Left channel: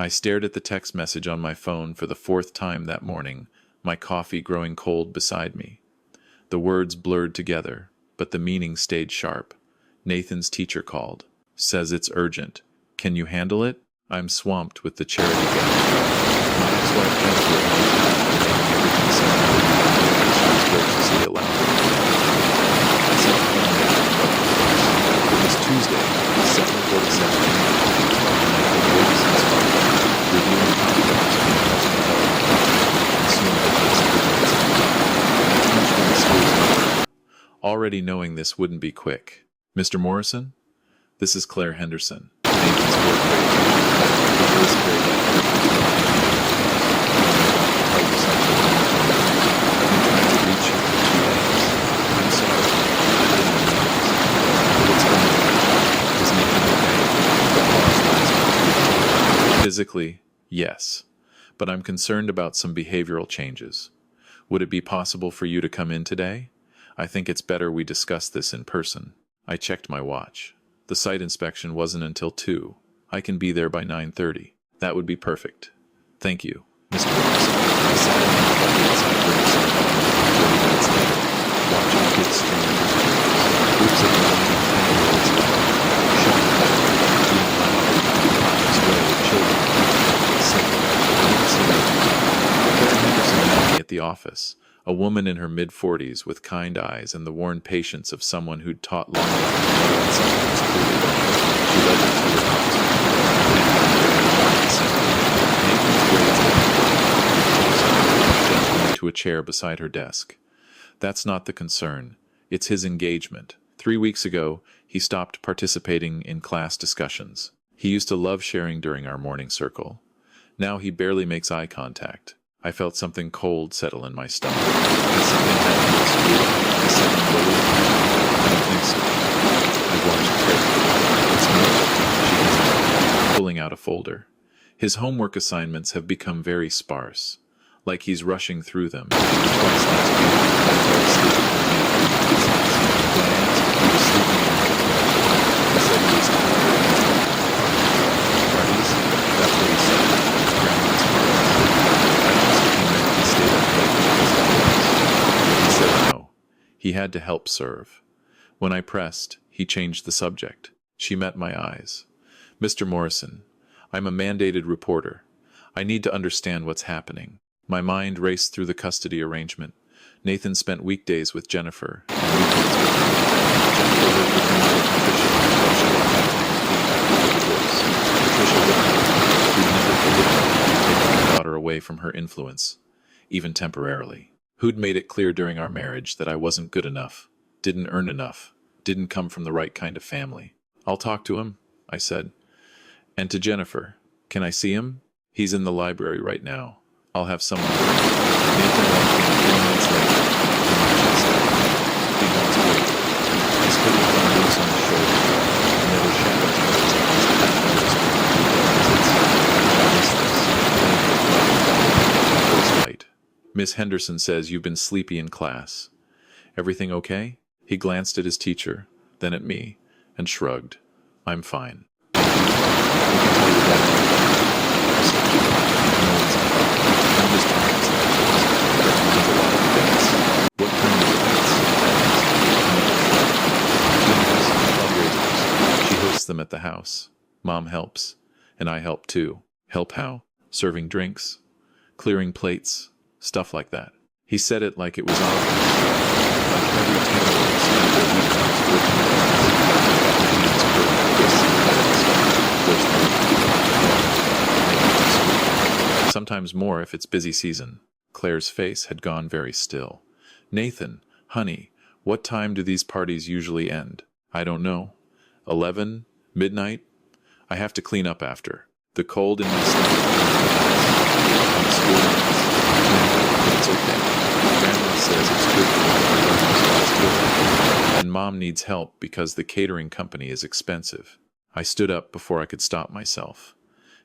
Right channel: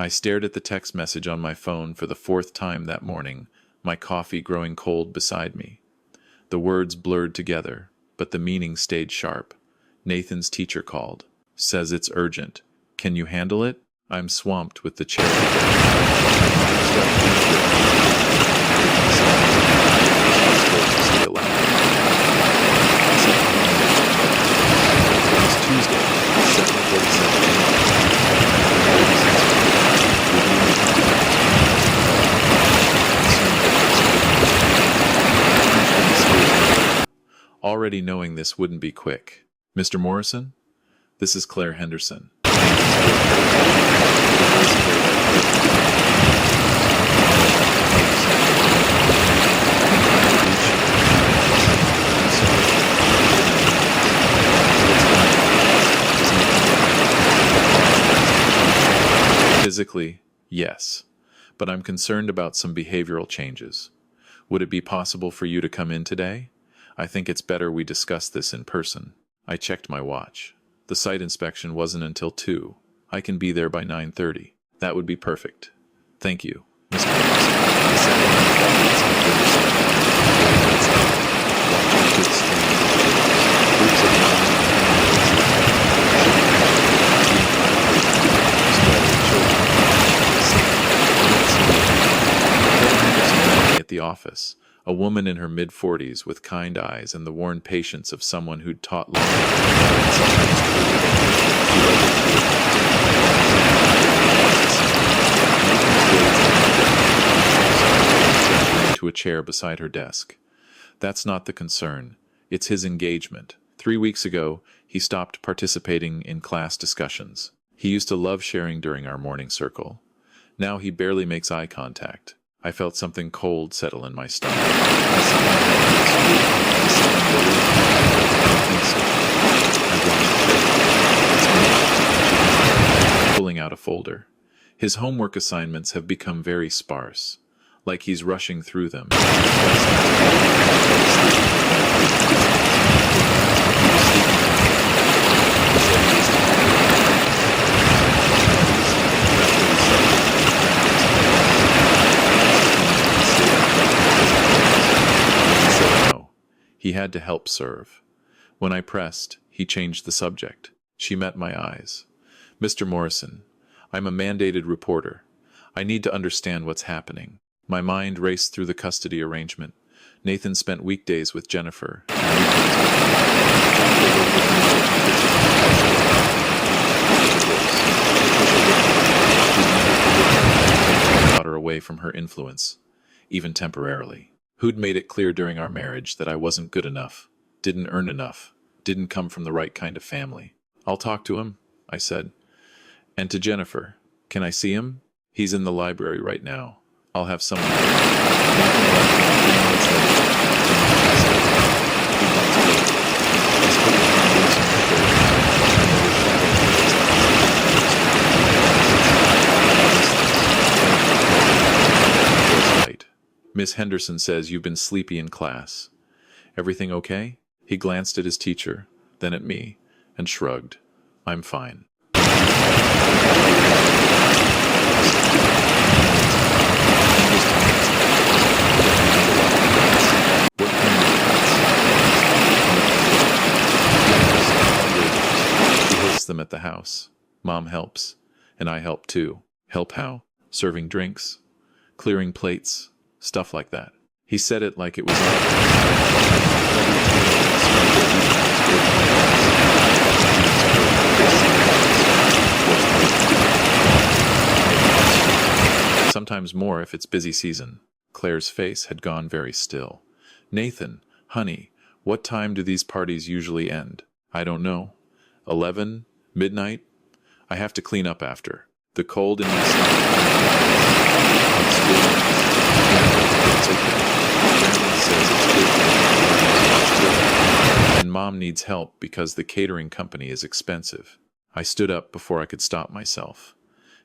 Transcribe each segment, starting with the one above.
I stared at the text message on my phone for the fourth time that morning, my coffee growing cold beside me. The words blurred together, but the meaning stayed sharp. Nathan's teacher called. Says it's urgent. Can you handle it? I'm swamped with the charity gala. My ex-wife Jennifer had a talent for making everything sound good, and she was graciously allowed me to manage. I set the phone down and rubbed my face. It was Tuesday, 7:47 a.m., and I'd been waiting since 5, reviewing contracts for the housing development project, consumed the last 3 minutes of the day. I punched in the school's number, already knowing this wouldn't be quick. Mr. Morrison? This is Claire Henderson, Nathan's fourth grade teacher. Her voice carried that careful tone of educated cues. I'm about to tell you something. I've been trying to reach you for 2 days. I'm sorry. I've been in meetings. What's going on? Is Nathan okay? The pause lasted 2 days. Physically, yes. But I'm concerned about some behavioral changes. Would it be possible for you to come in today? I think it's better we discuss this in person. I checked my watch. The site inspection wasn't until 2. I can be there by 9:30. That would be perfect. Thank you, Mr. Morrison. I sat in my truck inside Riverside Elementary 40 minutes later, watching kids stream through the doors. Groups of 9 and 10-year-olds laughing, shooting each other, being loud in that unconscious way of children. Safe. I didn't see Nathan. Claire Henderson met me at the office. A woman in her mid-40s with kind eyes and the worn patience of someone who'd taught long enough to know when something was truly wrong. She led me through a classroom. Nathan's grades had been gesturing to a chair beside her desk. That's not the concern. It's his engagement. 3 weeks ago, he stopped participating in class discussions. He used to love sharing during our morning circle. Now he barely makes eye contact. I felt something cold settle in my stomach. Has something happened at school? Is someone bullying him? I don't think so. I've watched carefully. It's me, she hesitated, pulling out a folder. His homework assignments have become very sparse, like he's rushing through them. And twice last week, he fell asleep during afternoon lessons. When I asked if he was sleeping in the home, he said he was tired and helping with parties. Parties? That's what he said. Grandma's parties. I asked if he meant he stayed up late because of things. He said no. He had to help serve. When I pressed, he changed the subject. She met my eyes. Mr. Morrison, I'm a mandated reporter. I need to understand what's happening. My mind raced through the custody arrangement. Nathan spent weekdays with Jennifer and weekends with me. Jennifer lived with her mother, Patricia, while she got back on her feet after the divorce. Patricia lived with me. Who'd never forgiven me for taking my daughter away from her influence, even temporarily. Who'd made it clear during our marriage that I wasn't good enough, didn't earn enough, didn't come from the right kind of family. I'll talk to him, I said. And to Jennifer, can I see him? He's in the library right now. I'll have someone bring him. Nathan walked in 3 minutes later, and my chest tightened. He wants weight. His hoodie hung loose on his shoulders, and there were shadows under his eyes I hadn't noticed during the weekend visits. I missed this. My voice light. Miss Henderson says you've been sleepy in class. Everything okay? He glanced at his teacher, then at me, and shrugged. I'm fine. You can tell your dad anything. I said gently. No one's in trouble. I'm just tired sometimes. Grandma has a lot of events. What kind of events? Another shrug. Dinners, fundraisers. She hosts them at the house. Mom helps. And I help too. Help how? Serving drinks, clearing plates, stuff like that. He said it like it was obvious. Like every 10-year-old spent their weekends working in class. I felt my hands curl like this and this. Of course, how often? Maybe twice a week. Sometimes more if it's busy season. Claire's face had gone very still. Nathan, honey, what time do these parties usually end? I don't know. 11? Midnight? I have to clean up after. The cold in my stomach turned to ice. On school nights? Yeah, but it's okay. Grandma says it's good for me to learn as much good. And Mom needs help because the catering company is expensive. I stood up before I could stop myself.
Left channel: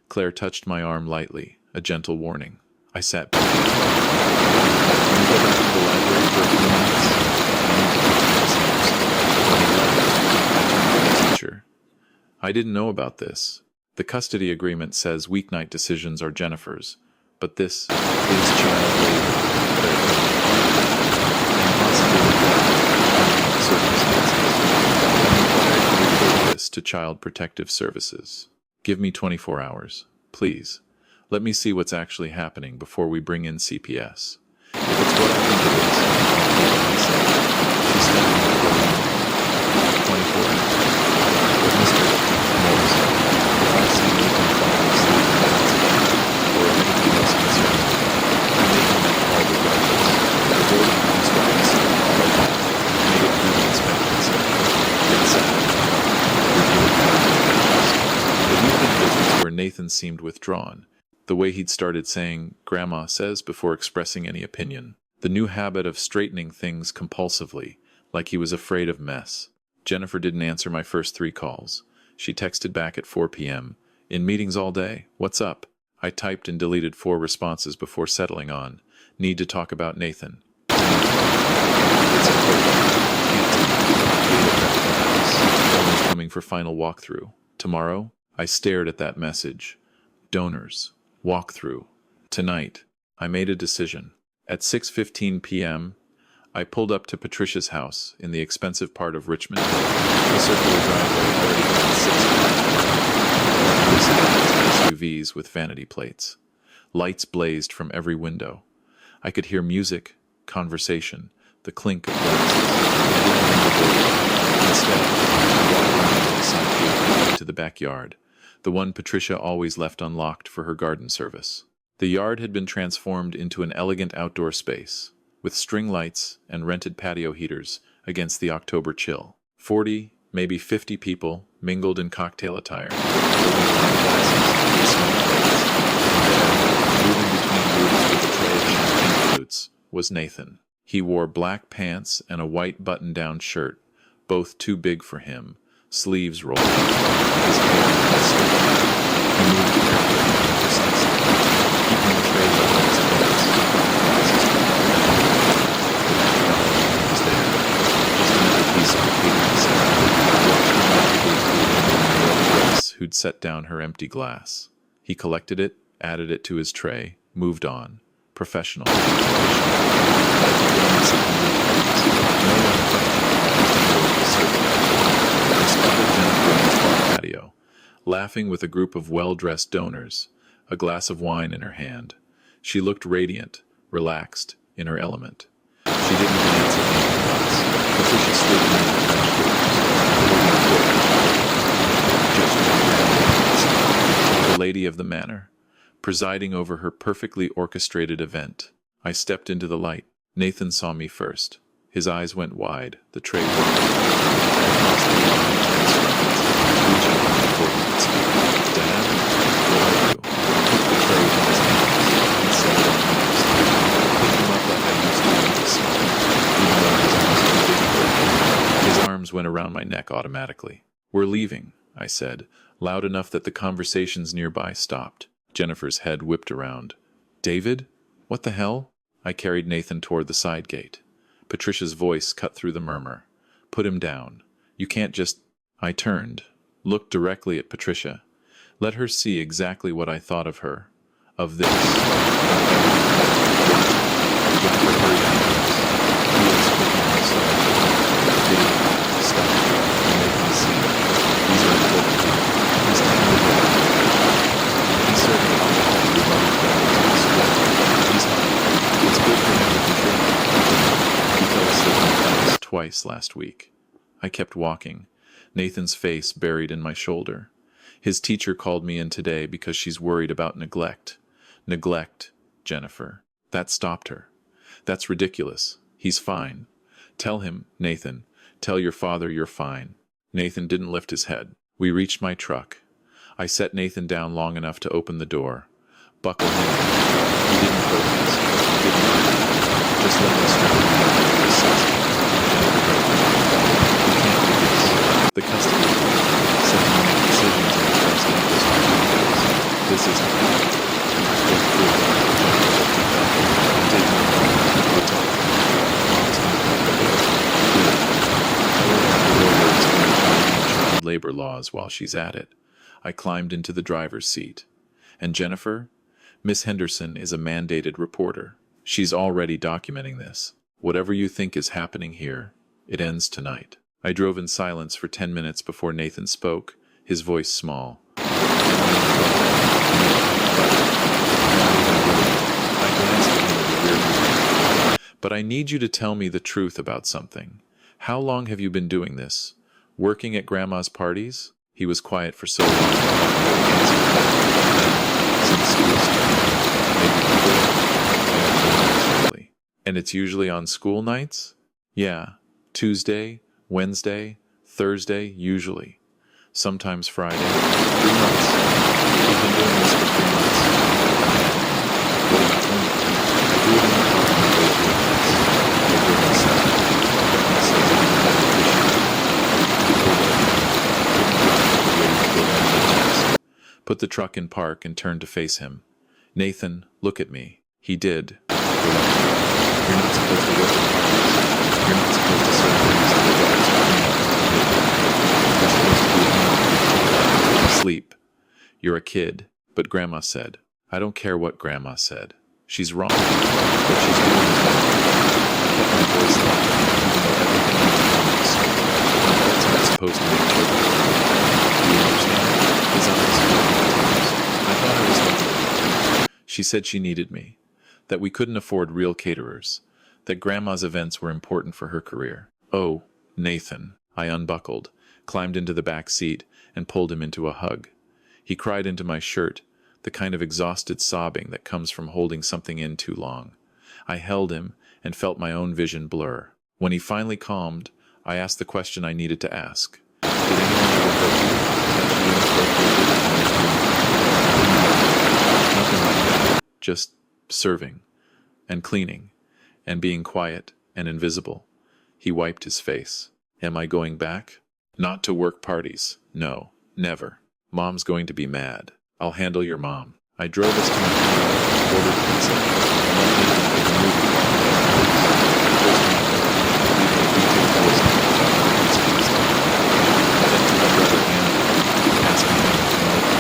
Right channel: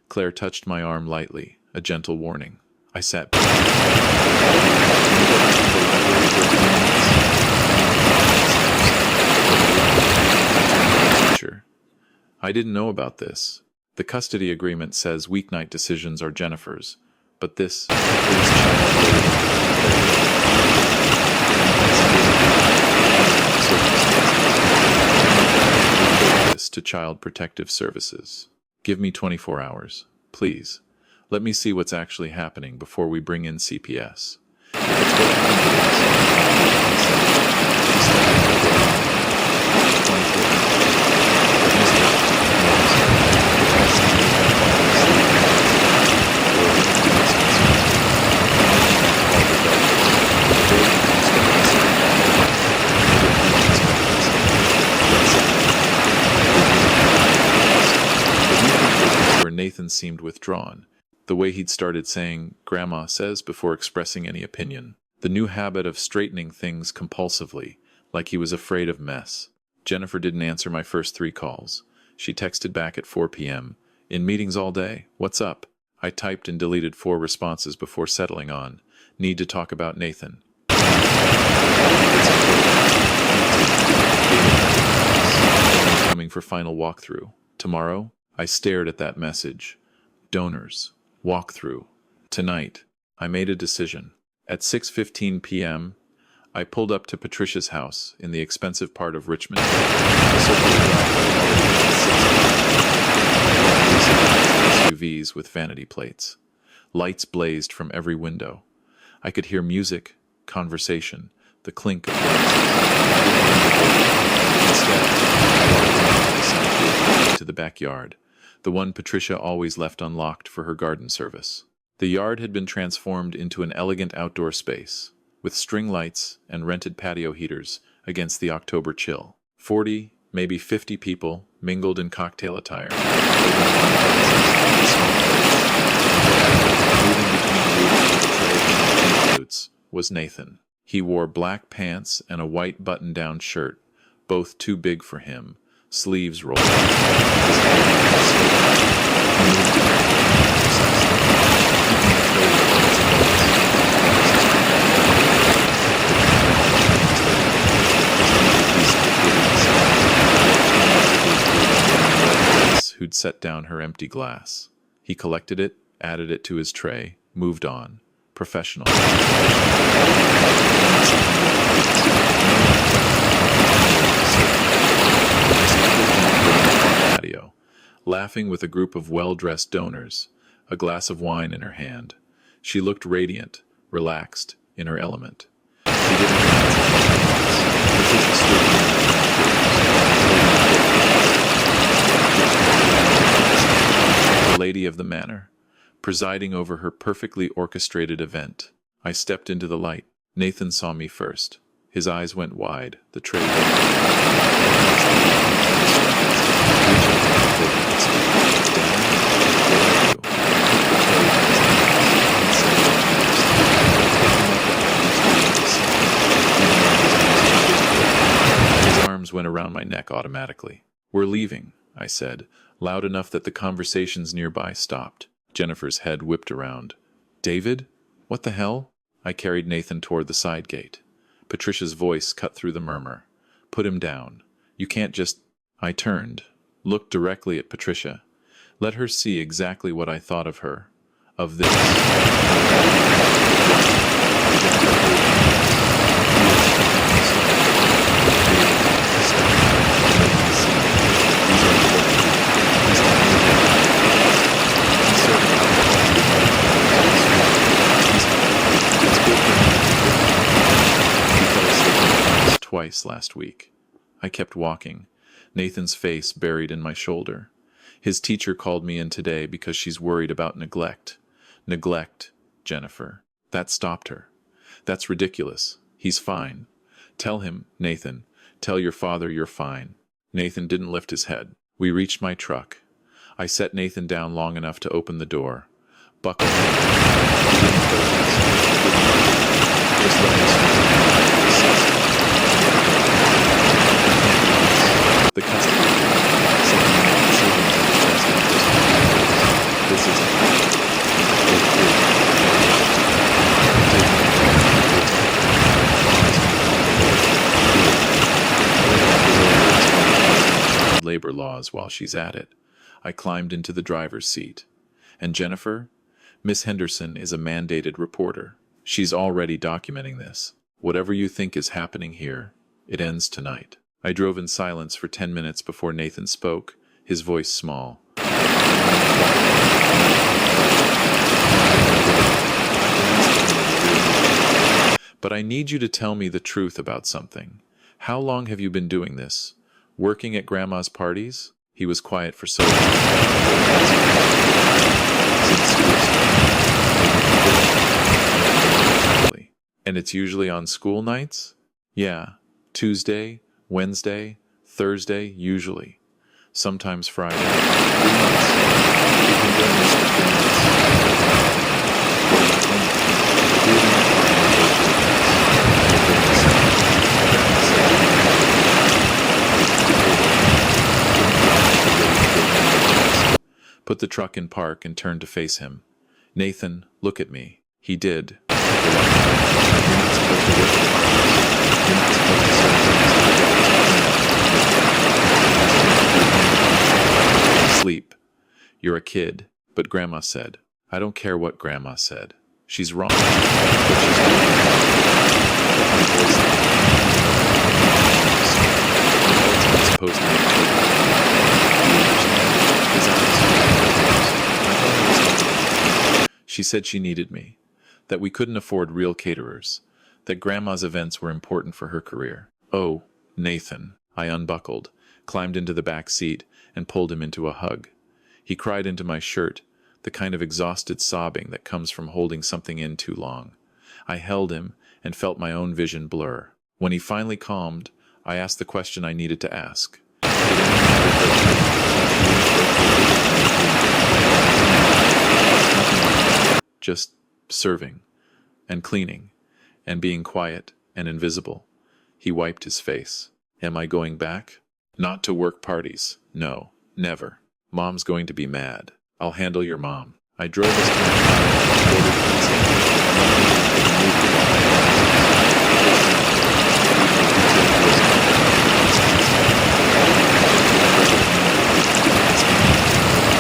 Claire touched my arm lightly, a gentle warning. I sat back down. Can you go back to the library for a few minutes? I need to talk to Miss Henderson. When he left, I turned to the teacher. I didn't know about this. The custody agreement says weeknight decisions are Jennifer's, but this is child labor, and possibly neglect, depending on the circumstances. I'm required to report this to Child Protective Services. Give me 24 hours, please. Let me see what's actually happening before we bring in CPS. If it's what I think it is, I'll call it myself. She studied me for a long time. 24 hours. But Mr. Morrison, if I see Nathan falling asleep in class, or if anything else concerns me, I'm making that call regardless. The building construction center all over made it through the inspection center. Then sat in the truck, reviewing everything. The weekend visits where Nathan seemed withdrawn, the way he'd started saying, "Grandma says," before expressing any opinion. The new habit of straightening things compulsively, like he was afraid of mess. Jennifer didn't answer my first 3 calls. She texted back at 4 p.m. "In meetings all day. What's up?" I typed and deleted 4 responses before settling on, "Need to talk about Nathan." It's important. Can't tonight. Gala prepping her house. Donors coming for final walkthrough. Tomorrow? I stared at that message. Donors. Walkthrough. Tonight. I made a decision. At 6:15 p.m., I pulled up to Patricia's house in the expensive part of Richmond Hill. The circular driveway already had 6 cars parked, SUVs with vanity plates. Lights blazed from every window. I could hear music, conversation, the clink of glasses. I didn't ring the doorbell. Instead, I walked around to the side gate that led to the backyard, the one Patricia always left unlocked for her garden service. The yard had been transformed into an elegant outdoor space, with string lights and rented patio heaters against the October chill. 40, maybe 50 people mingled in cocktail attire, holding wine glasses and small plates. And there, moving between groups with a tray of champagne flutes, was Nathan. He wore black pants and a white button-down shirt, both too big for him, sleeves rolled up, his hair slicked back. He moved carefully, precisely, keeping the tray level as adults, glasses without acknowledging he was there. Just another piece of the catering set. I watched him navigate through a woman in a red dress who'd set down her empty glass. He collected it, added it to his tray, moved on. Professional, efficient, like he'd done this 100 times. No one questioned why his neighbor was serving. I spotted Jennifer on the far patio, laughing with a group of well-dressed donors, a glass of wine in her hand. She looked radiant, relaxed, in her element. She didn't glance at Nathan once. Patricia stood near the French doors, holding a fork, gesturing randomly. The lady of the manor, presiding over her perfectly orchestrated event. I stepped into the light. Nathan saw me first. His eyes went wide, the tray wobbled. I crossed the lawn in 10 strides, reaching him before he could speak. "Dad, what are you?" I took the tray from his hands and set it on the nearest table. Picked him up like I used to when he was small, even though his arms too big for him. His arms went around my neck automatically. "We're leaving," I said, loud enough that the conversations nearby stopped. Jennifer's head whipped around. "David? What the hell?" I carried Nathan toward the side gate. Patricia's voice cut through the murmur. "Put him down. You can't just—" I turned, looked directly at Patricia. Let her see exactly what I thought of her. Of this. Of everything. What? Jennifer hurried after us. Heels kicking on the stone. "David, stop. You're making a scene. These are important people. He's 10 years old. He's serving alcohol to his mother's donors at the school. He's helping. It's good for him to contribute. He fell asleep in class twice last week." I kept walking, Nathan's face buried in my shoulder. His teacher called me in today because she's worried about neglect. Neglect, Jennifer. That stopped her. That's ridiculous. He's fine. Tell him, Nathan. Tell your father you're fine. Nathan didn't lift his head. We reached my truck. I set Nathan down long enough to open the door. Buckle him in. He didn't protest. Didn't argue. Just let me strap him in like he was 60. Jennifer broke down. "We can't do this. The custody agreement says you make decisions in the best interest of your kids. This isn't that." I pulled through. Jennifer looked at that. "I'm taking it home. We're talking. Mom's gonna call the lawyer." "Good. Tell her to have the lawyer explain housing and child labor laws while she's at it." I climbed into the driver's seat. And Jennifer? Miss Henderson is a mandated reporter. She's already documenting this. Whatever you think is happening here, it ends tonight. I drove in silence for 10 minutes before Nathan spoke, his voice small. Am I in trouble? No, but not even a little bit. I glanced at him in the rear view. But I need you to tell me the truth about something. How long have you been doing this? Working at Grandma's parties? He was quiet for so long, I thought he wouldn't answer. Since school started. Maybe before. I don't know exactly. And it's usually on school nights? Yeah. Tuesday, Wednesday, Thursday, usually. Sometimes Friday. 3 months. We've been doing this for 3 months. And I hadn't known. What about homework? I do it in the car when I go to events. I get there at 7. Grandma says I need to have a mission. We pulled over. Couldn't drive, but ready to go into the chest. Put the truck in park and turned to face him. Nathan, look at me. He did. Reluctantly. You're not supposed to work at parties. You're not supposed to serve drinks to adults or clean up until midnight. You're supposed to do homework, sleep. You're a kid. But Grandma said. I don't care what Grandma said. She's wrong. What she's doing is wrong. I kept my voice low, even though everything in me wanted to scream. Adults aren't supposed to make children. Do you understand? His eyes filled with tears. I thought I was helping him. She said she needed me. That we couldn't afford real caterers. That Grandma's events were important for her career. Oh, Nathan. I unbuckled, climbed into the back seat, and pulled him into a hug. He cried into my shirt, the kind of exhausted sobbing that comes from holding something in too long. I held him and felt my own vision blur. When he finally calmed, I asked the question I needed to ask. Did anyone ever hurt you, touch you inappropriately, or make you... No, nothing like that. Just serving, and cleaning, and being quiet and invisible. He wiped his face. Am I going back? Not to work parties. No, never. Mom's going to be mad. I'll handle your mom. I drove us to my condo, ordered pizza, and let Nathan pick a movie while I ate the first to my brother, leaving a detailed voice note about emergency testimony. Then to my brother Andrew, asking him to come over.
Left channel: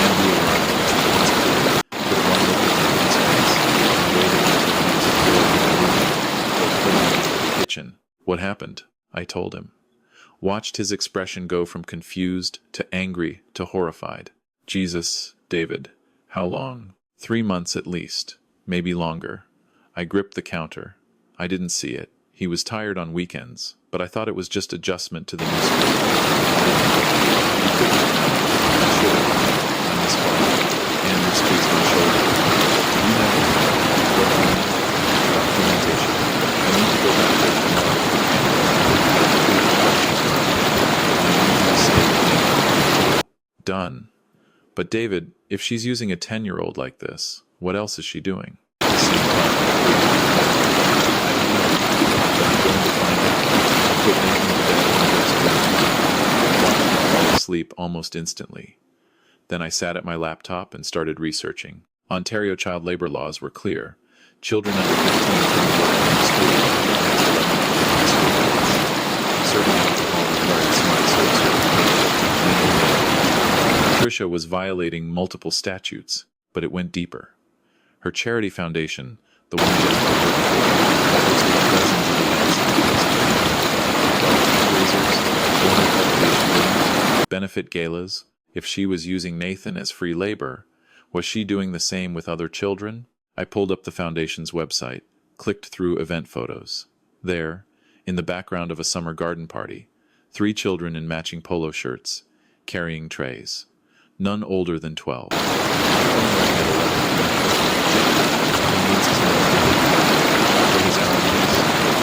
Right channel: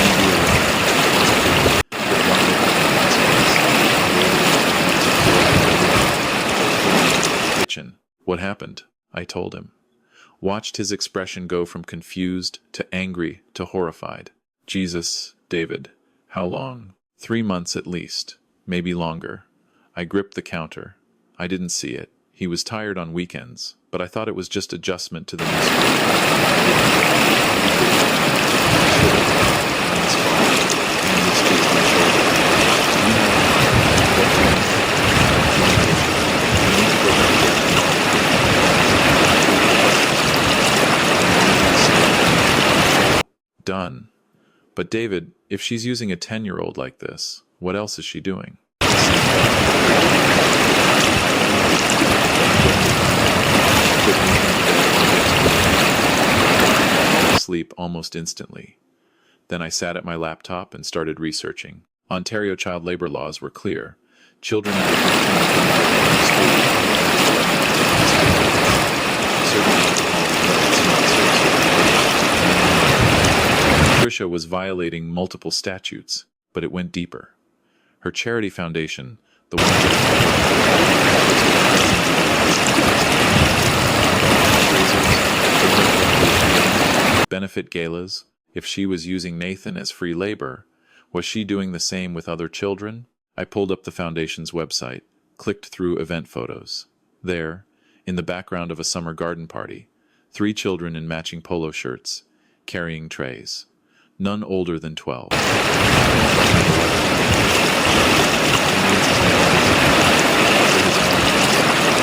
Andrew arrived, once it did, put one look at me in his face, and waited until he was absorbed in the movie, before pulling into the kitchen. What happened? I told him. Watched his expression go from confused to angry to horrified. Jesus, David, how long? 3 months at least, maybe longer. I gripped the counter. I didn't see it. He was tired on weekends, but I thought it was just adjustment to the new school. I didn't look. He couldn't have known. I should have. I'm his father. Andrew squeezed my shoulder. You know, what do you mean? Documentation. I need to go back there tomorrow with the camera. Get the questions right. And I need you to stay with me until... Done. But David, if she's using a 10-year-old like this, what else is she doing? The same thought occurred to me. I don't know, but I'm going to find out. I put Nathan to bed on the guest room, watching him fall asleep almost instantly. Then I sat at my laptop and started researching. Ontario child labor laws were clear. Children under 15 couldn't work during school until past 11 p.m. on school nights. Serving alcohol required smart serve certification, minimum age. Patricia was violating multiple statutes, but it went deeper. Her charity foundation, the one Jennifer worked for, had hosted dozens of events in the past year. $5 fundraisers, donor cultivation dinners, benefit galas. If she was using Nathan as free labor, was she doing the same with other children? I pulled up the foundation's website, clicked through event photos. There, in the background of a summer garden party, 3 children in matching polo shirts, carrying trays. None older than 12. My phone rang at 11 p.m. He needs his medication. For his allergies,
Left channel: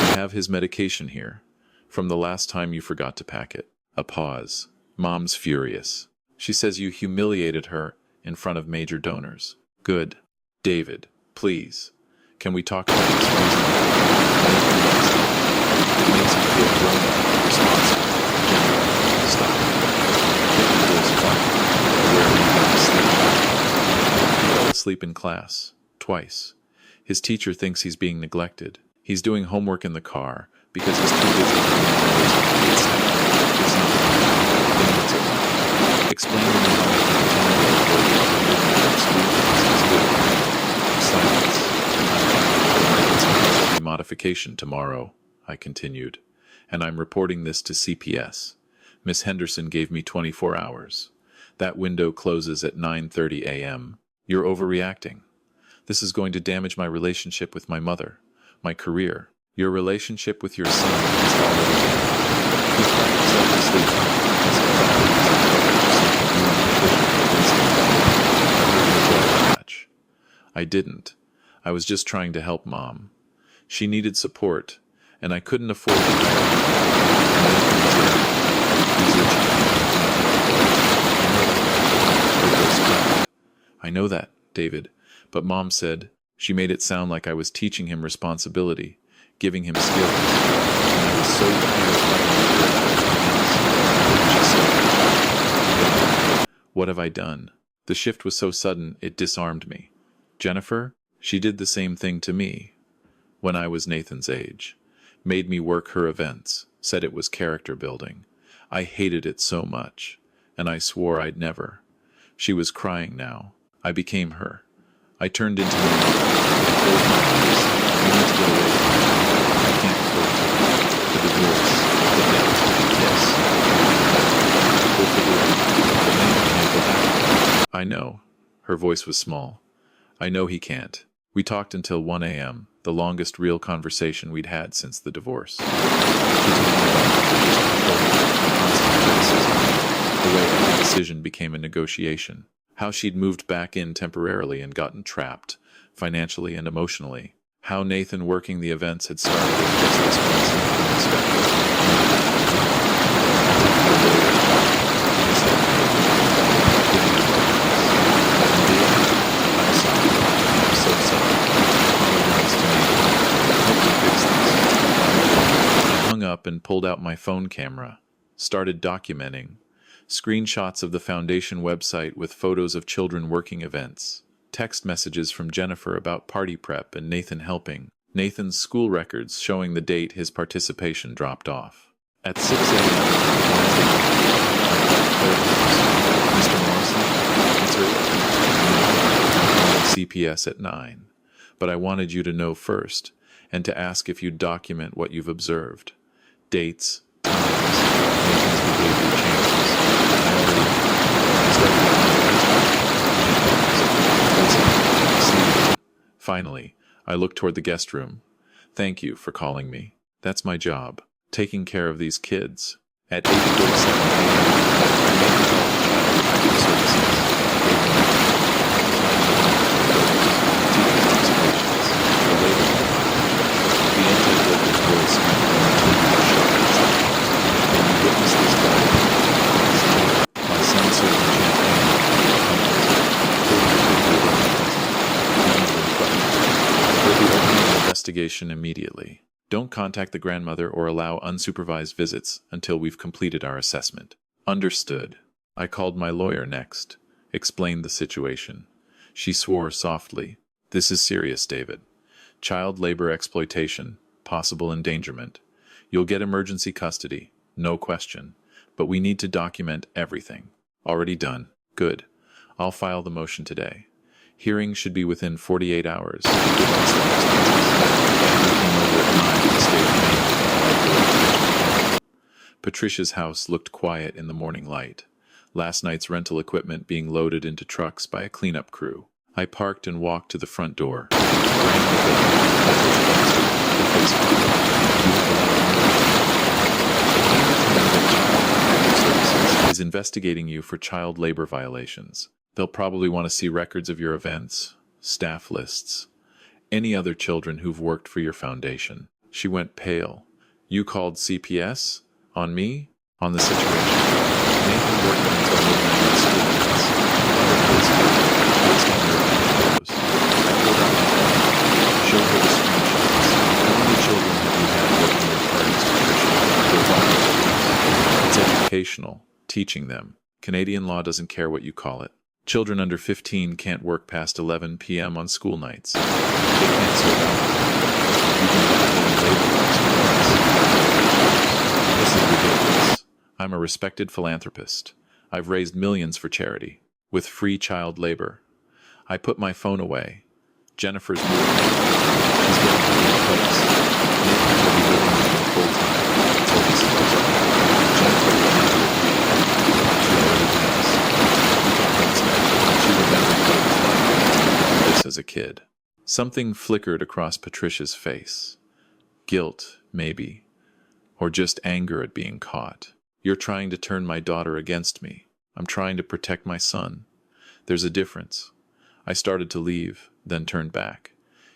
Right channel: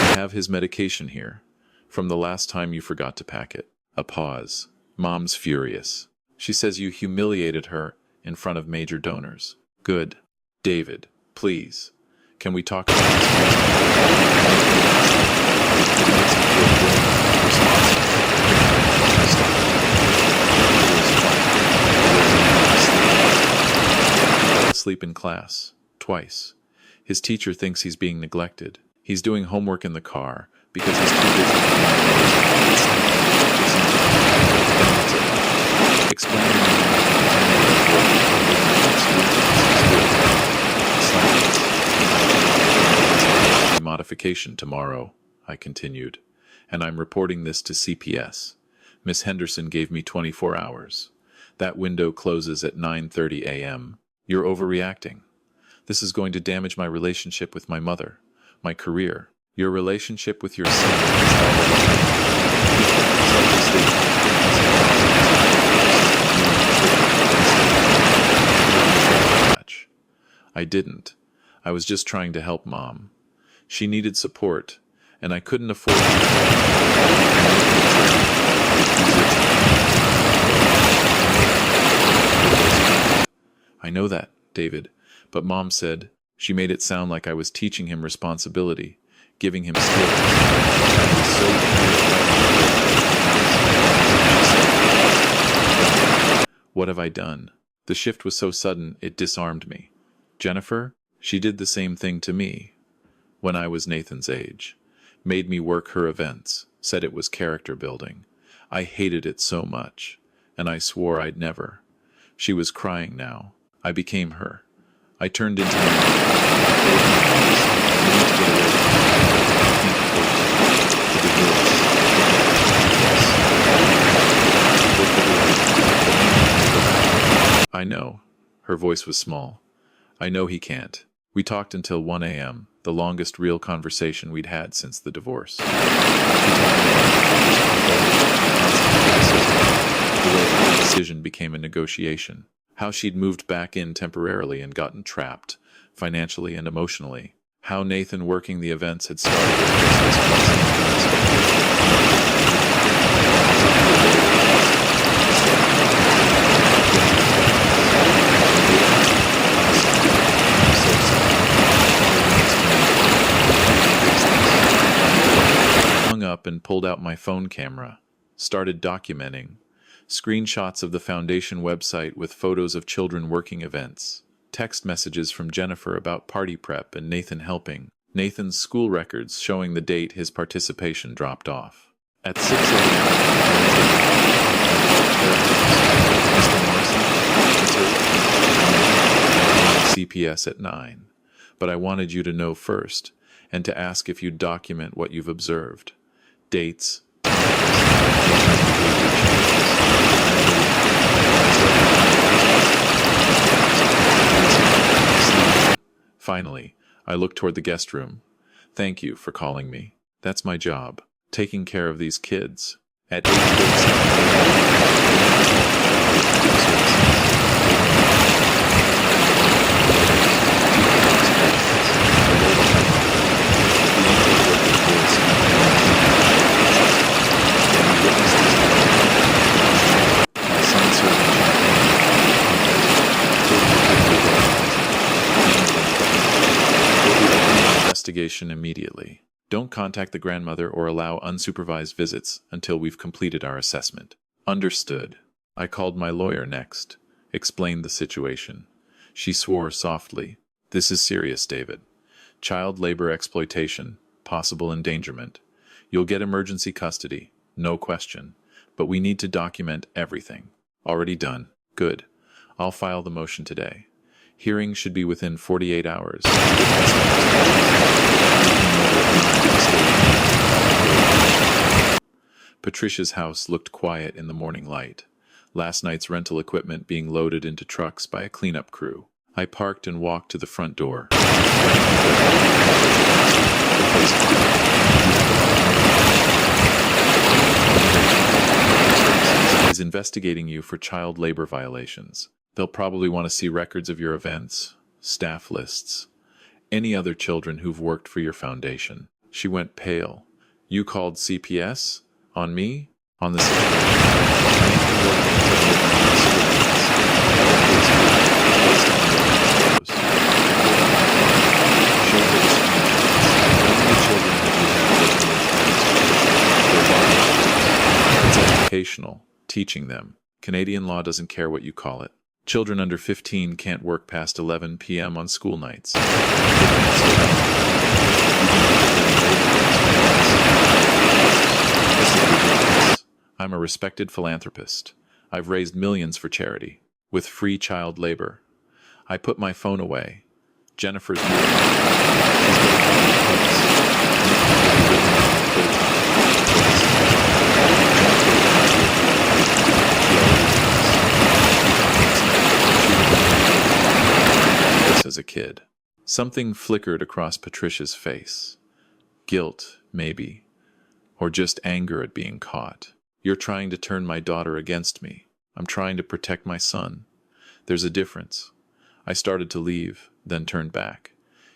I have his medication here. From the last time you forgot to pack it. A pause. Mom's furious. She says you humiliated her in front of major donors. Good. David, please. Can we talk about this reasonably? Nathan wants help. It makes him feel grown-up, responsible. Jennifer, stop. I kept my voice quiet. He fell asleep in class, twice. His teacher thinks he's being neglected. He's doing homework in the car because he's too busy doing his mother's unpaid staff. It's not like that. Then what's it like? Explain to me how making a 10-year-old work until midnight on school days is good parenting. Silence. I'm filing for emergency custody modification tomorrow, I continued, and I'm reporting this to CPS. Miss Henderson gave me 24 hours. That window closes at 9:30 a.m. You're overreacting. This is going to damage my relationship with my mother, my career. Your relationship with your son is already damaged. He cried himself to sleep because he thought he was in trouble for something you and Patricia convinced him to do. I heard the breath catch. I didn't. I was just trying to help Mom. She needed support, and I couldn't afford to hire people. And Nathan was there. He's your child, not your employee. I know that. Her voice cracked. I know that, David, but Mom said she made it sound like I was teaching him responsibility, giving him skills, and I was so tired of fighting with her about everything else. And she stopped. What have I done? The shift was so sudden, it disarmed me. Jennifer, she did the same thing to me when I was Nathan's age. Made me work her events, said it was character building. I hated it so much, and I swore I'd never. She was crying now. I became her. I turned into my mother. I closed my eyes. I need to get away from her. I can't afford to. The divorce. The debt. Yes. We'll figure it out. But Nathan can't go back. I know. Her voice was small. I know he can't. We talked until 1 a.m., the longest real conversation we'd had since the divorce. She told me about Patricia's control, the constant criticism, the way every decision became a negotiation, how she'd moved back in temporarily and gotten trapped, financially and emotionally, how Nathan working the events had started as just this one thing unexpected. I'll talk to a lawyer tomorrow, she said. Without getting out of the house. And David, I'm sorry. I'm so sorry. Apologize to me. Help me fix this. I hung up and pulled out my phone camera. Started documenting. Screenshots of the foundation website with photos of children working events. Text messages from Jennifer about party prep and Nathan helping. Nathan's school records showing the date his participation dropped off. At 6 a.m. Wednesday morning, I called Claire Henderson. Mr. Morrison, it's early. I'm calling CPS at 9. But I wanted you to know first, and to ask if you'd document what you've observed. Dates, times, Nathan's behavior changes. I started to find. Finally, I looked toward the guest room. Thank you for calling me. That's my job, taking care of these kids. At 8:47 a.m., I made the call to Child Protective Services. Gave them teacher's observations, the label operations. The intake worker's voice went from routine to sharp and sexual. And you witnessed this directly. Last night, my son serving champagne at a fundraiser. 40 to 50 adults present. None of them questioned. We'll be opening an investigation immediately. Don't contact the grandmother or allow unsupervised visits until we've completed our assessment. Understood. I called my lawyer next. Explained the situation. She swore softly. This is serious, David. Child labor exploitation, possible endangerment. You'll get emergency custody, no question. But we need to document everything. Already done. Good. I'll file the motion today. Hearing should be within 48 hours, given the circumstances. Andrew came over at 9 to stay with Nathan while I drove to Richmond Hill. Patricia's house looked quiet in the morning light. Last night's rental equipment being loaded into trucks by a cleanup crew. I parked and walked to the front door. Rang the bell. Patricia answered, her face hard. You have a lot of nerve. I came to tell you that Child Protective Services is investigating you for child labor violations. They'll probably want to see records of your events, staff lists, any other children who've worked for your foundation. She went pale. You called CPS? On me? On the situation? Nathan working until midnight on school nights. Other kids too, based on your event photos. I pulled out my phone, showed her the screenshots. How many children have you had working your parties, Patricia? They're volunteers. It's educational, teaching them. Canadian law doesn't care what you call it. Children under 15 can't work past 11 p.m. on school nights. They can't serve alcohol. You've been violating labor laws for months. This is ridiculous. I'm a respected philanthropist. I've raised millions for charity, with free child labor. I put my phone away. Jennifer's moving out. She's getting her own place. Nathan will be living with me full-time until this is resolved. Jennifer will never agree to that. She already has. We talked last night. She remembered what it was like to do this as a kid. Something flickered across Patricia's face. Guilt, maybe. Or just anger at being caught. You're trying to turn my daughter against me. I'm trying to protect my son. There's a difference. I started to leave, then turned back.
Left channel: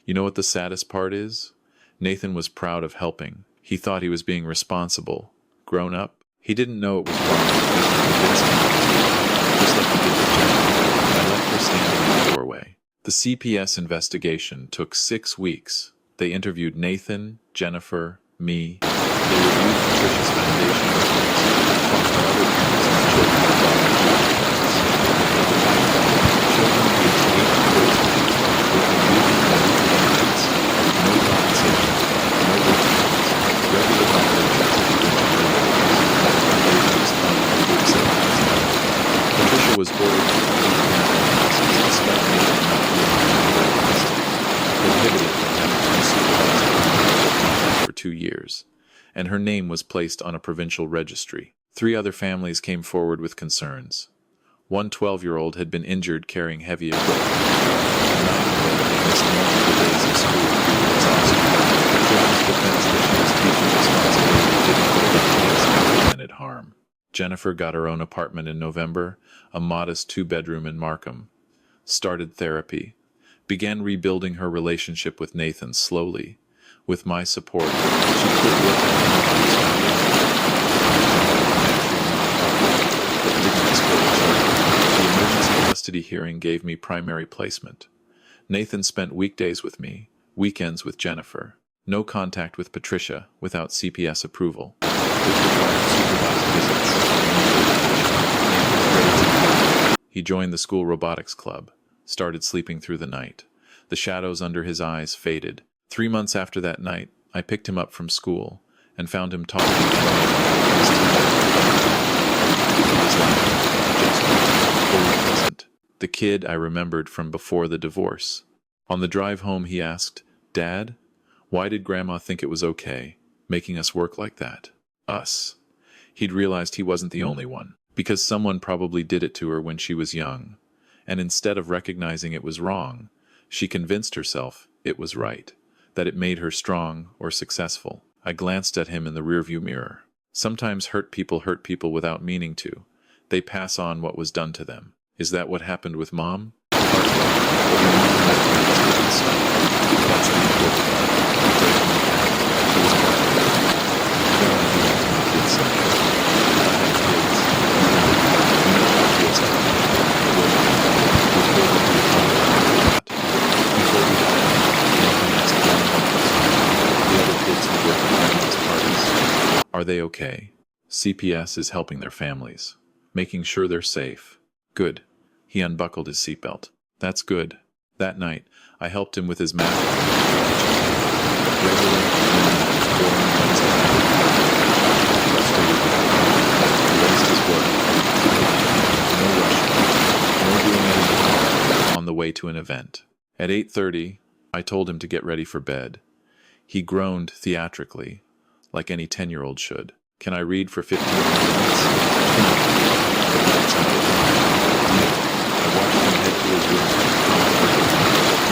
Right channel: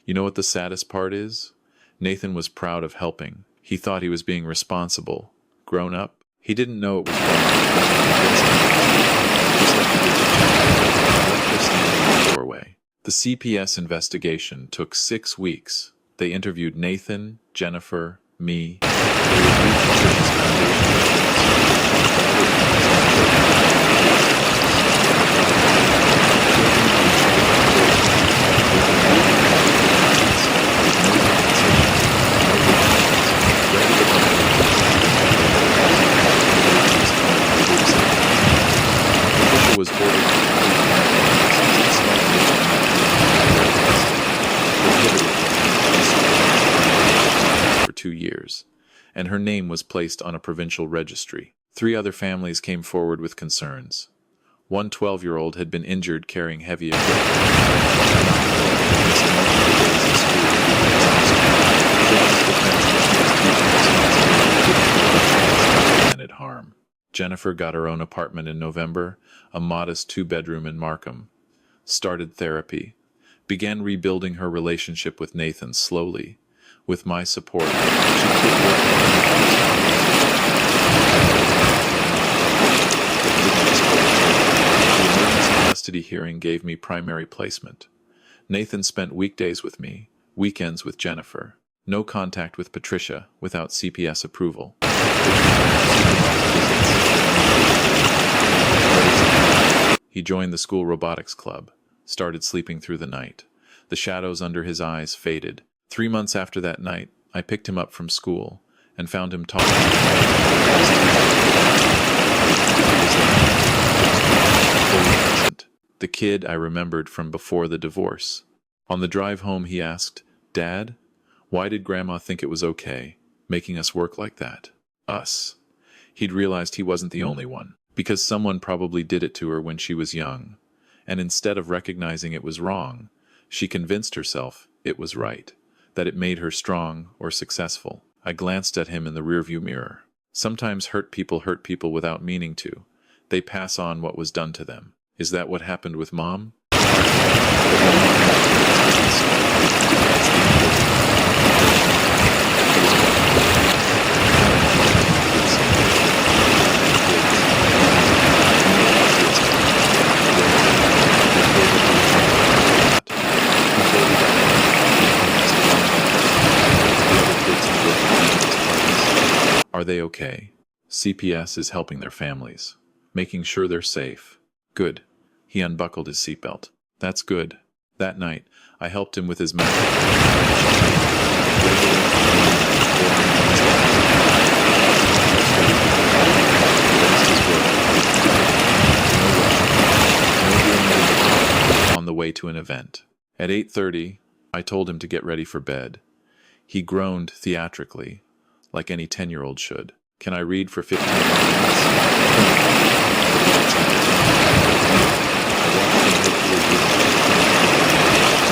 You know what the saddest part is? Nathan was proud of helping. He thought he was being responsible. Grown up. He didn't know it was wrong because he convinced him it was wrong. Just like he did with Jennifer. I left her standing in the doorway. The CPS investigation took 6 weeks. They interviewed Nathan, Jennifer, me. They reviewed Patricia's foundation records, talked to other parents of children involved in children aged 8 to 14, working weekend and weekend nights, no compensation, no work permits, regular violations of provincial labor laws. Foundation was fined $47,000. Patricia was ordered to complete parenting classes despite Nathan not being in direct custody, prohibited from having unsupervised contact with minors for 2 years, and her name was placed on a provincial registry. 3 other families came forward with concerns. One 12-year-old had been injured carrying heavy equipment. A 9-year-old had missed multiple days of school due to exhaustion. Patricia's defense that she was teaching responsibility didn't hold up against documented harm. Jennifer got her own apartment in November, a modest 2-bedroom in Markham. Started therapy. Began rebuilding her relationship with Nathan slowly. With my support, she quit working for her mother's foundation. Found a job with an actual nonprofit that didn't exploit children. The emergency custody hearing gave me primary placement. Nathan spent weekdays with me, weekends with Jennifer. No contact with Patricia without CPS approval, which required supervised visits. He joined the school robotics club, started sleeping through the night. The shadows under his eyes faded. 3 months after that night, I picked him up from school and found him talking animatedly with his teacher. He was laughing, gesturing, fully present. The kid I remembered from before the divorce. On the drive home, he asked, "Dad, why did Grandma think it was okay, making us work like that?" Us. He'd realized he wasn't the only one, because someone probably did it to her when she was young. And instead of recognizing it was wrong, she convinced herself it was right, that it made her strong or successful. I glanced at him in the rearview mirror. Sometimes hurt people without meaning to. They pass on what was done to them. Is that what happened with Mom? Partly, but your mom recognized it and stopped. That's the important part. Breaking the pattern. He was quiet. I don't want to do that to my kids someday. If I had kids, you know how it feels like. Wait, we'll build into the conversation after that. Before we got out, Nathan asked one more question. The other kids who work at grandma's parties, are they okay? CPS is helping their families, making sure they're safe. Good. He unbuckled his seatbelt. That's good. That night, I helped him with his math on the kitchen table. Regular, normal, boring Wednesday afternoon. He got frustrated with the problem. Erased his work. Tried again. No rushing. No doing it in the car on the way to an event. At 8:30, I told him to get ready for bed. He groaned theatrically, like any 10-year-old should. Can I read for 15 more minutes? 20. The lights out at home. Deal. I watched him head to his room,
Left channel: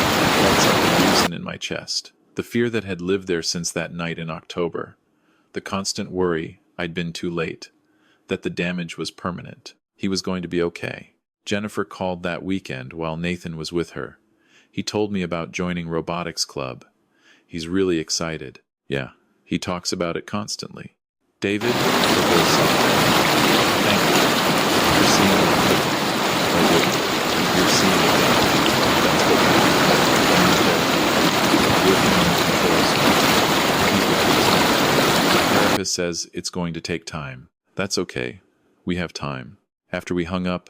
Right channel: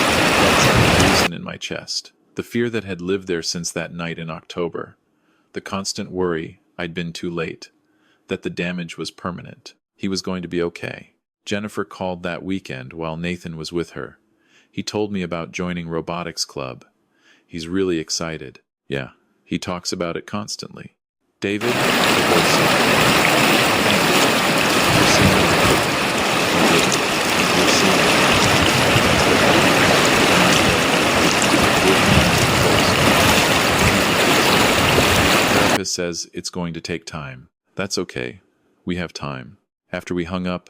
and I felt something loosen in my chest. The fear that had lived there since that night in October. The constant worry I'd been too late. That the damage was permanent. He was going to be okay. Jennifer called that weekend while Nathan was with her. He told me about joining robotics club. He's really excited. Yeah, he talks about it constantly. David, her voice softened. Thank you for seeing what I couldn't, or wouldn't. You're seeing it now. That's what happened. I'm in therapy, working on the controls. The people pleasing. My therapist says it's going to take time. That's okay. We have time. After we hung up,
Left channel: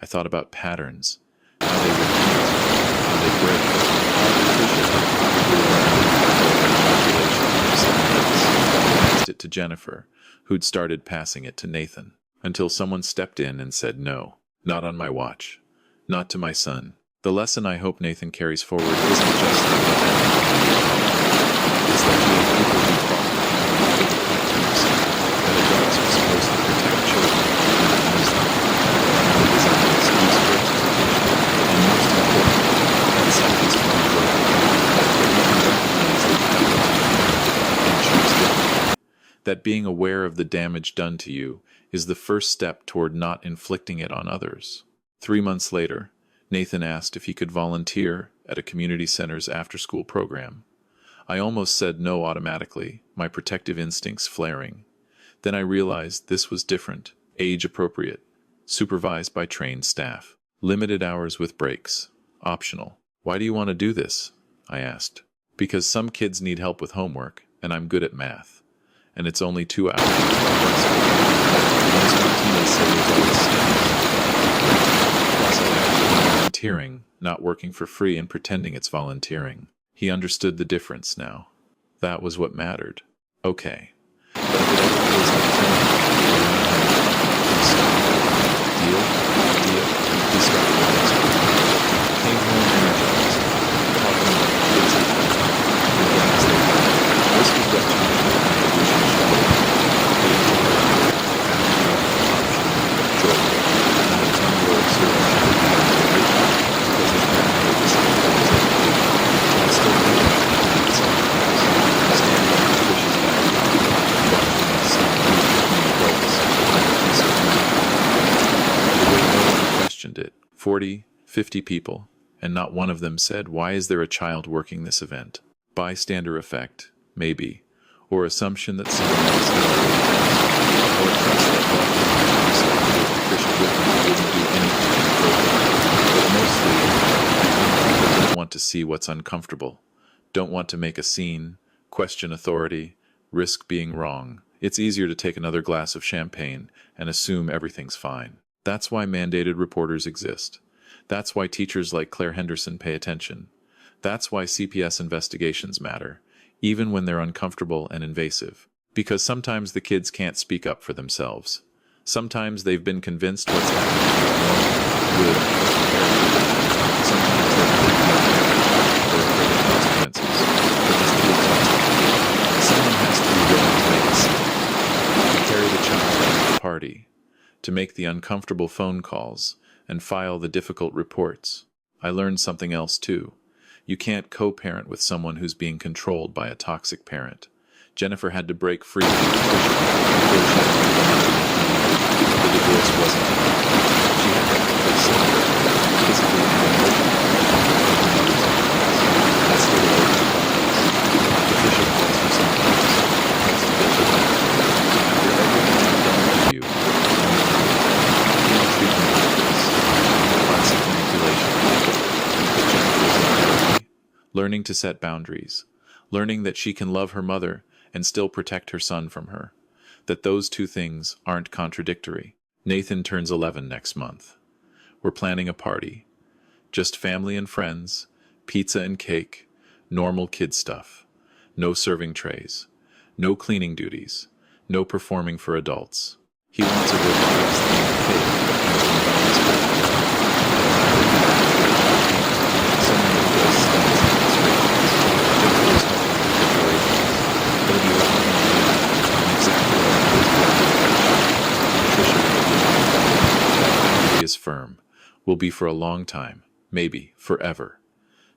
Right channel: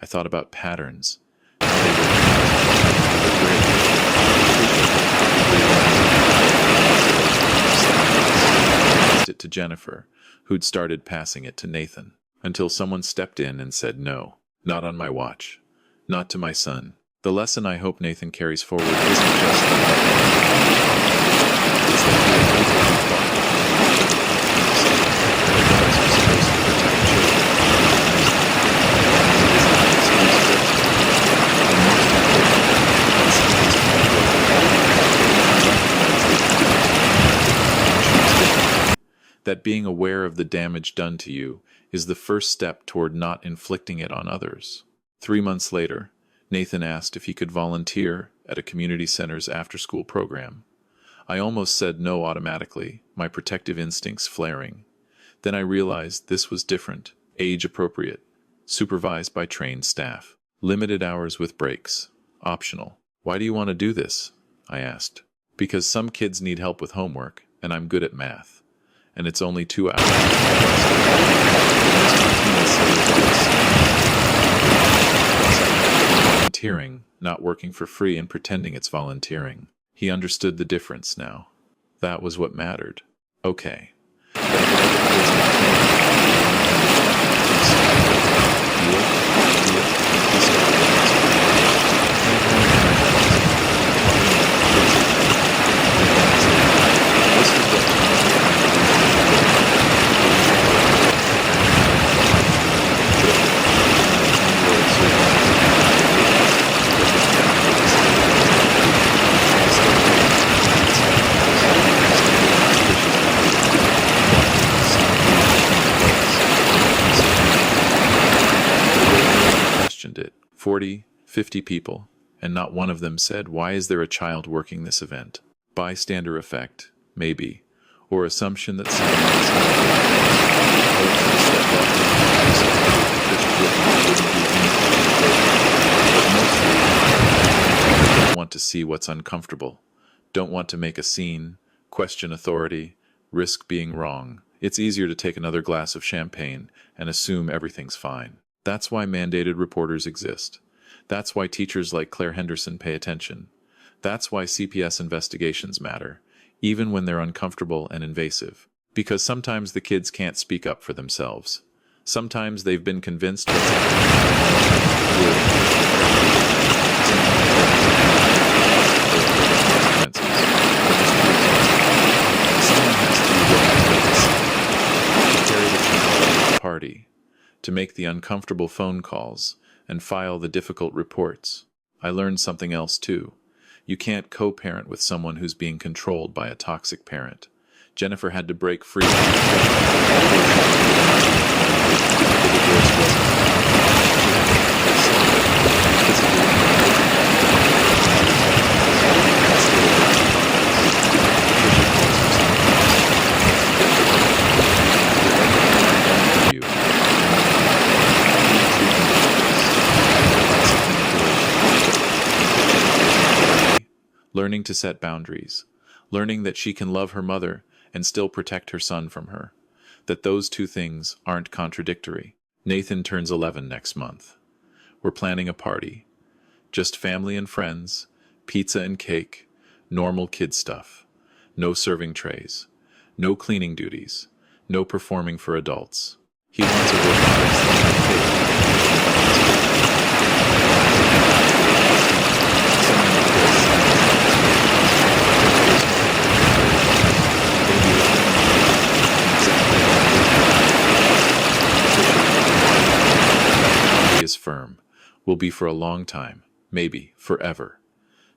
I thought about patterns, how they repeat, how they break, how Patricia had probably learned manipulation from someone else. I passed it to Jennifer, who'd started passing it to Nathan. until someone stepped in and said no, not on my watch, not to my son. The lesson I hope Nathan carries forward isn't just that what happened to him was wrong. It's that he had people who fought for him and couldn't fight for himself. That adults are supposed to protect children, not use them. That family isn't an excuse for exploitation. And most importantly, that cycles can be broken. That you can recognize the patterns you inherited and choose differently. That being aware of the damage done to you is the first step toward not inflicting it on others. 3 months later, Nathan asked if he could volunteer at a community center's after-school program. I almost said no automatically, my protective instincts flaring. Then I realized this was different, age-appropriate, supervised by trained staff. Limited hours with breaks. Optional. Why do you want to do this? I asked. Because some kids need help with homework, and I'm good at math. And it's only 2 hours, twice a week. And Miss Martinez said there's always snacks. Plus I have to be volunteering, not working for free and pretending it's volunteering. He understood the difference now. That was what mattered. Okay. But if it ever feels like too much, you're not having fun, please stop. Deal? Deal. He started the next week. Came home energized, talking about the kids he played, the games they played. This was what childhood contribution should look like. Age-appropriate, boundary, optional, joyful. Not a 10-year-old serving champagne to riches because his grandmother decided it was education. I still think about that night sometimes, standing in Trish's backyard, watching my son move between adults and a piece of mind. The way no one questioned it, 40, 50 people, and not one of them said, "Why is there a child working this event?" Bystander effect, maybe, or assumption that someone else had already asked, or trust that wealthy, respectable Patricia Whitman wouldn't do anything inappropriate. But mostly, I think people don't want to see what's uncomfortable, don't want to make a scene, question authority, risk being wrong. It's easier to take another glass of champagne and assume everything's fine. That's why mandated reporters exist. That's why teachers like Claire Henderson pay attention. That's why CPS investigations matter, even when they're uncomfortable and invasive. Because sometimes the kids can't speak up for themselves. Sometimes they've been convinced what's happening is normal, good, fair. Sometimes they're protecting their parents or afraid of consequences, or just too exhausted. Someone has to be willing to make a scene, to carry the child out of the party, to make the uncomfortable phone calls, and file the difficult reports. I learned something else too. You can't co-parent with someone who's being controlled by a toxic parent. Jennifer had to break free from Patricia before she could be the mother Nathan needed. The divorce wasn't enough. She had to actually separate, physically and emotionally, from her mother's influence. That's still a work in progress. Patricia calls her sometimes, tries to get her back. After everything I've done for you, I'm your mother. How can you treat me like this? Classic manipulation. But Jennifer's in therapy, learning to set boundaries, learning that she can love her mother and still protect her son from her, that those two things aren't contradictory. Nathan turns 11 next month. We're planning a party. Just family and friends, pizza and cake, normal kid stuff. No serving trays, no cleaning duties, no performing for adults. He wants a robotics themed cake and to invite his girlfriend. Someone who does science demonstrations. Jennifer's helping with decorations. They'll be loud and chaotic, and exactly like his graduation. Patricia won't be invited. That boundary is firm. Will be for a long time. Maybe forever.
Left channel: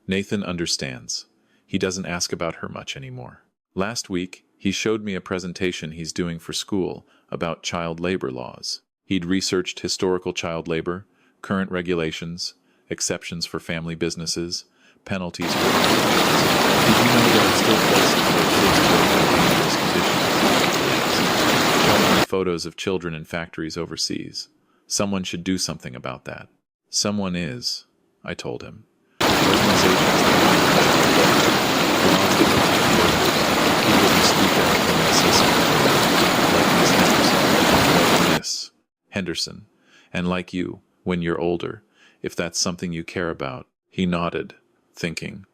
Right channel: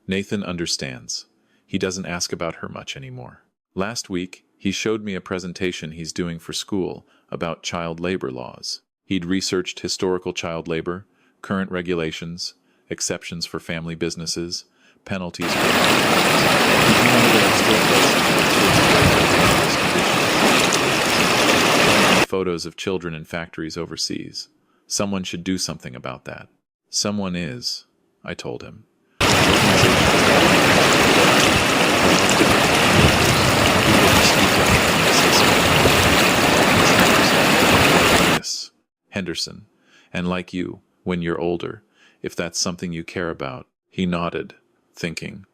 Nathan understands. He doesn't ask about her much anymore. Last week, he showed me a presentation he's doing for school about child labor laws. He'd researched historical child labor, current regulations, exceptions for family businesses, penalties for violations. Did you know there are still places where kids work in dangerous conditions? He asked, showing me photos of children in factories overseas. Someone should do something about that. Someone is, I told him. Organizations that fight for child welfare, laws that protect workers, people who speak out when they see something wrong, like Miss Henderson, like Miss Henderson, and like you, when you're older, if that's something you care about. He nodded, thinking,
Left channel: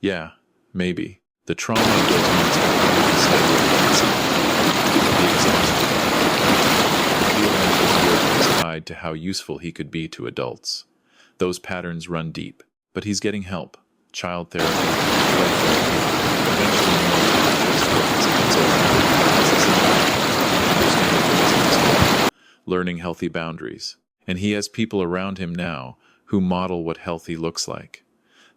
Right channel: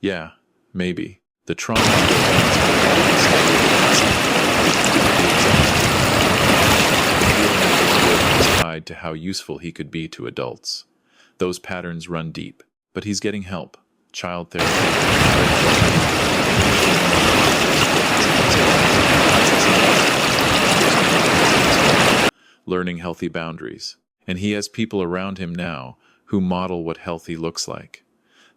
yeah, maybe. The trauma of those months will probably stay with me at some point. The exhaustion, the pressure, the feeling of tied to how useful he could be to adults. Those patterns run deep, but he's getting help. Child therapy, play therapy, eventually more talk-based work as he gets older, processing life, understanding things in his own, learning healthy boundaries. And he has people around him now who model what healthy looks like.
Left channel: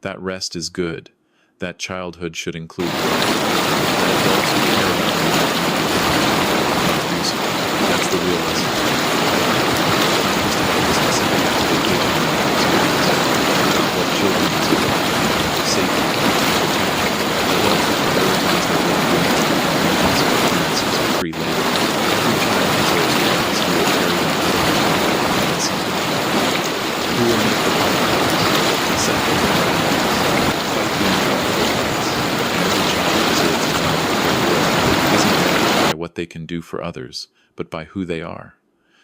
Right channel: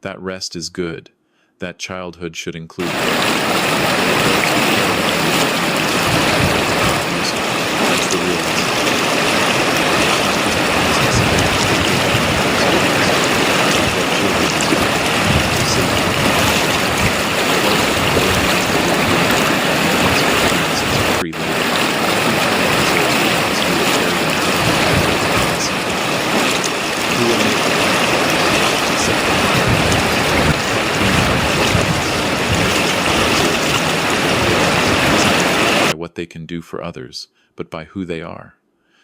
That rest is good. That childhood should include play. That adults who care about you want you to be happy, not useful. That's the real message. Not just about the specific expectation of experience, about what children deserve. Safety, protection. Adults who prioritize their well-being and infants and experiences are pre-laden. Every child deserves parents who will carry them out of the family and something. Who will make the hard calls, set the boundaries, fight the uncomfortable fights, and every child deserves to know that their worth isn't measured by what they can do for others, but by who they are.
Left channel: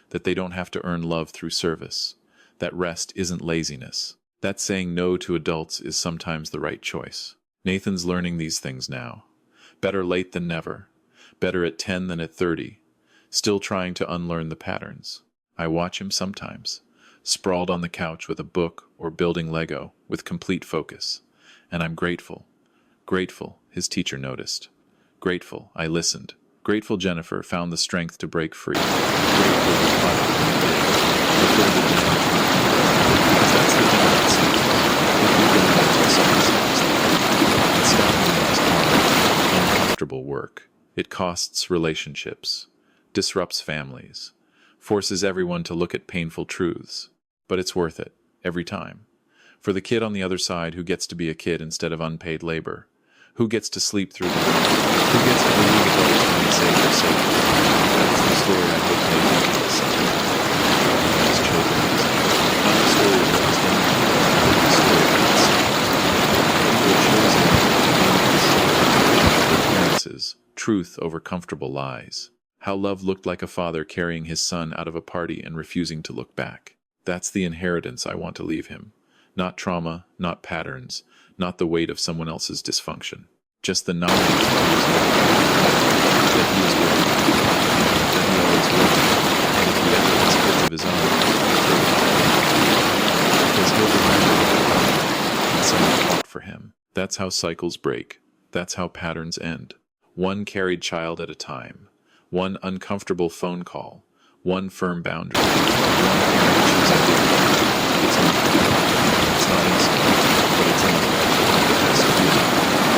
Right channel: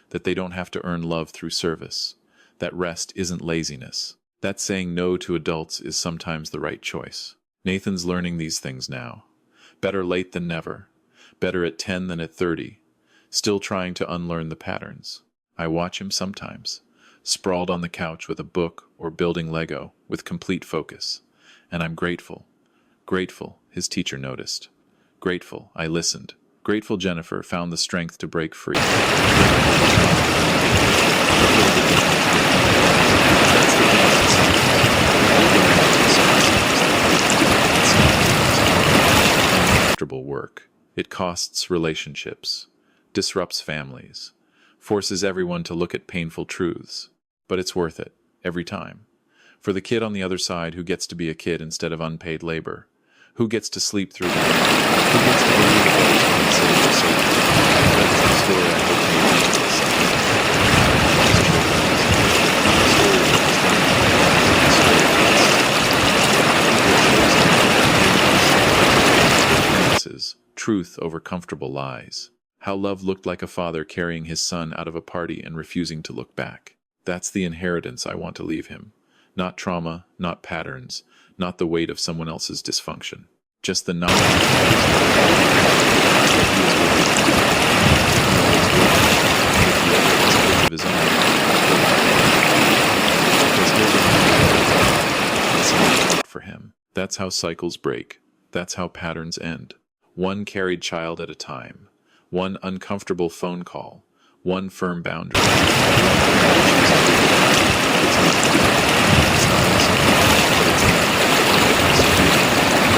That they don't have to earn love through service. That rest isn't laziness. That saying no to adults is sometimes the right choice. Nathan's learning these things now. Better late than never. Better at 10 than at 30. Still trying to unlearn the patterns. I watch him sometimes, sprawled on the couch with a book or building Lego with complete focus. And I'm grateful. Grateful his teacher noticed. Grateful I listened. Grateful Jennifer found the strength to break free. Grateful we caught it when we did. Fulfill the damage we did. Because that's the thing about cycles. They keep going until someone stops them. And stopping them is hard, uncomfortable work. It costs relationships, disrupts families, forces everyone to look at painful truths. But it's worth it, every time. For the kid on the other side who gets to be a kid instead of unpaid labor, who gets to sleep through the night, who gets to believe adults when they say they're safe. That's the story I hope Nathan tells someday. As children, not the story of what was done, the story of what's people chosen their appearances, truth over comfortable lies. How love looked like a father carrying his son out of a party and refusing to look back. That's the inheritance I want to leave him. Not trauma, not patterns, not the weight of someone else's dysfunction. Just the knowledge that he is worth fighting, that he always will, and if he ever has kids of his own, he'll fight them. Because he'll remember what it felt like when someone fought for him. That's how cycles break. That's how patterns end. One carried child at a time. One uncomfortable phone call. One firm boundary. One parent choosing dignity. It's not dramatic. It's not instant, but it's enough.